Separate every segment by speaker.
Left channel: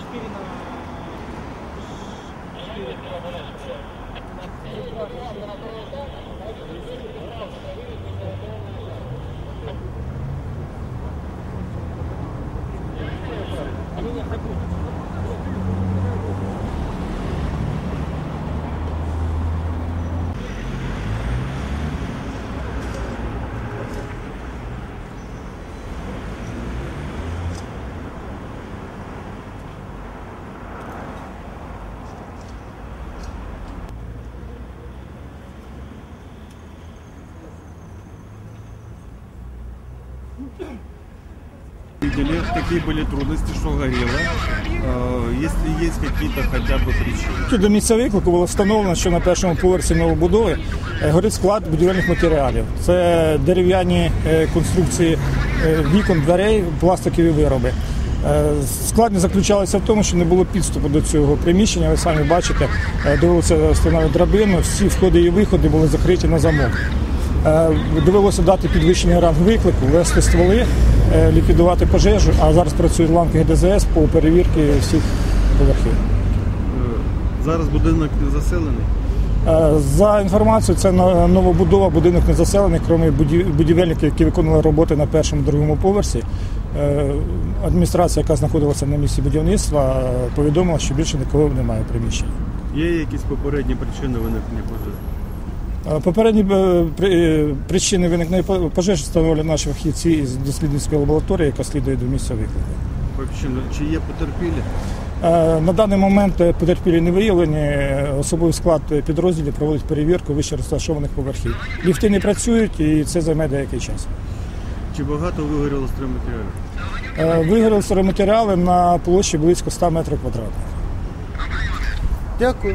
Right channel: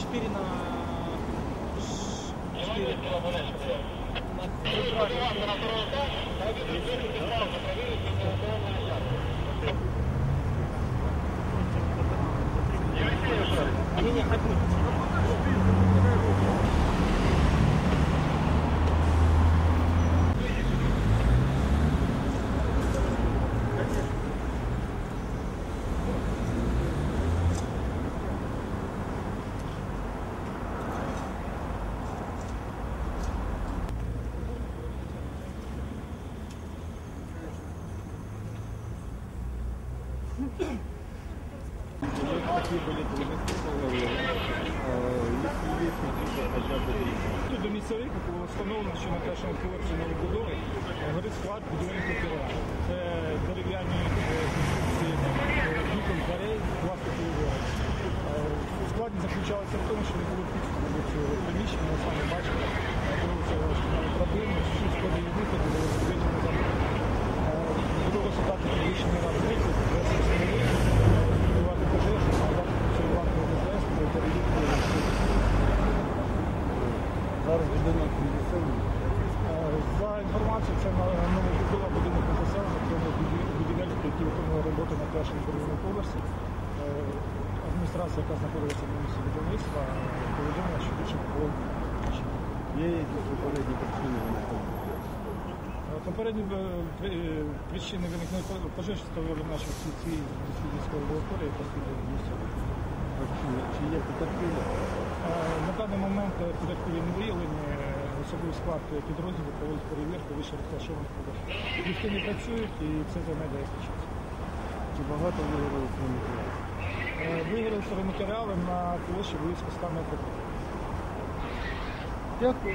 Speaker 1: Четыре на... Четыре.
Speaker 2: Видели, какие были трудности, что горело, Э, если есть какие-то хотя бы причины.
Speaker 3: До місця виклику було встановлено, що на першому поверсі новобудови е, горить склад будівельних матеріалів. Це дерев'яні е, конструкції е, вікон, дверей, пластикові вироби. Е, Складність заключалася в тому, що не було підступу до цього приміщення. Ви самі бачите, е, довелося встановити драбину, всі входи і виходи були закриті на замок. Е, Довелося дати підвищений ранг виклику, вести стволи, е, ліквідувати пожежу, а зараз працюють ланки ГДЗС по перевірці всіх поверхів.
Speaker 2: Е, Зараз будинок не заселений.
Speaker 3: За інформацією, це новобудова, будинок не заселений, крім будівельників, які виконували роботи на першому другому поверсі. Адміністрація, яка знаходилася на місці будівництва, повідомила, що більше нікого немає в приміщенні.
Speaker 2: Є якісь попередні причини виникнення пожежі?
Speaker 3: Попередні е, е, причини виникнення по- пожежі встановлюють наші фахівці із дослідницької лабораторії, яка слідує до місця виклику.
Speaker 2: Чи є потерпілі?
Speaker 3: Е, На даний момент потерпілі не виявлені. Особовий склад підрозділів проводить перевірку вище розташованих поверхів. Ліфти не працюють і це займе деякий час.
Speaker 2: Чи багато вигоріло стройматеріалів?
Speaker 3: Вигоріли стройматеріали на площі близько 100 метрів квадратних.
Speaker 4: Дякую.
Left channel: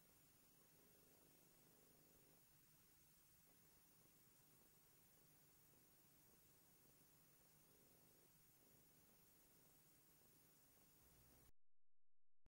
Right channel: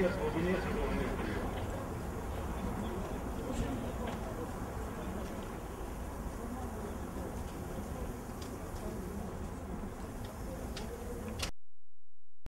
Speaker 1: Gracias.